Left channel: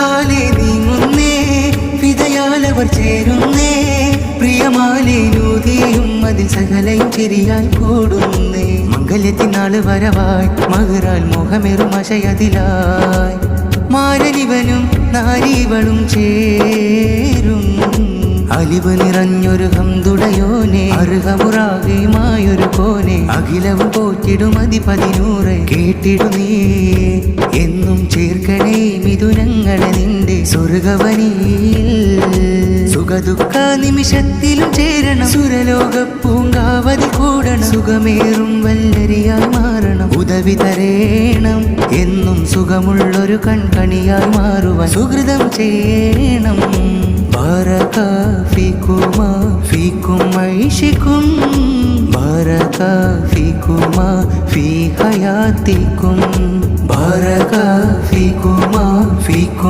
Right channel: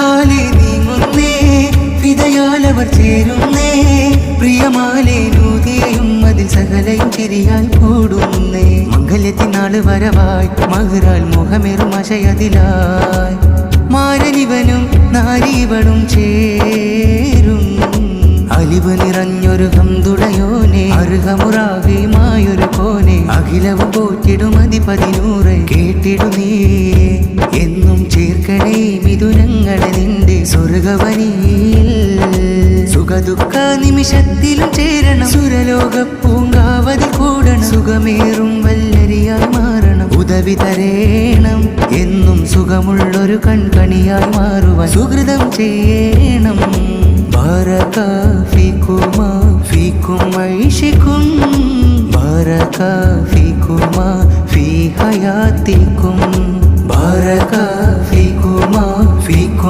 പിറഹാലെ നീങ്ങുന്നേ ഫിദയാലവർ ചേരുന്നേ പ്രിയമാലെ നൂതിയയും അതിൽ സകലയും ചിരിയാൽ കൂടുന്നേ മംഗല്യത്തിനാള് വരവായി മഹറാൽ മുഖമേറും അശയതിലായി മാരനിവനും നാരീവളും ചേരും അലിവ് നിറഞ്ഞൊരു ഹംദുടയോനെ അർഹമുറാകിയുമായൊരു കോനെ അഖിലവും പോറ്റിടും അതിപതിനൂറ് കേട്ടിടു നീ എന്നും ചേർക്കണേ മിഥുനങ്ങളെ നിന്റെ സ്വർഗവനിയിൽ സുഖദുഃഖ നിമിഷത്തിലും ചേരണം സുരലോക പൂങ്കാവതി കൂടണം സുഖമേറും വല്ലരിയായി മാറണം ഉദവി തരേണം എന്നും സുഖമുള്ളൊരു കൺകണിയായി മാറുവാൻ സുഹൃതം ചെയ്യണം ബാരക ഫീകുമാ ഫീകും ഐഷികും ബാരക ഫീകുമാ ഫീ ഹയാതികും ബാരക ഫീകുമാ ഫീകും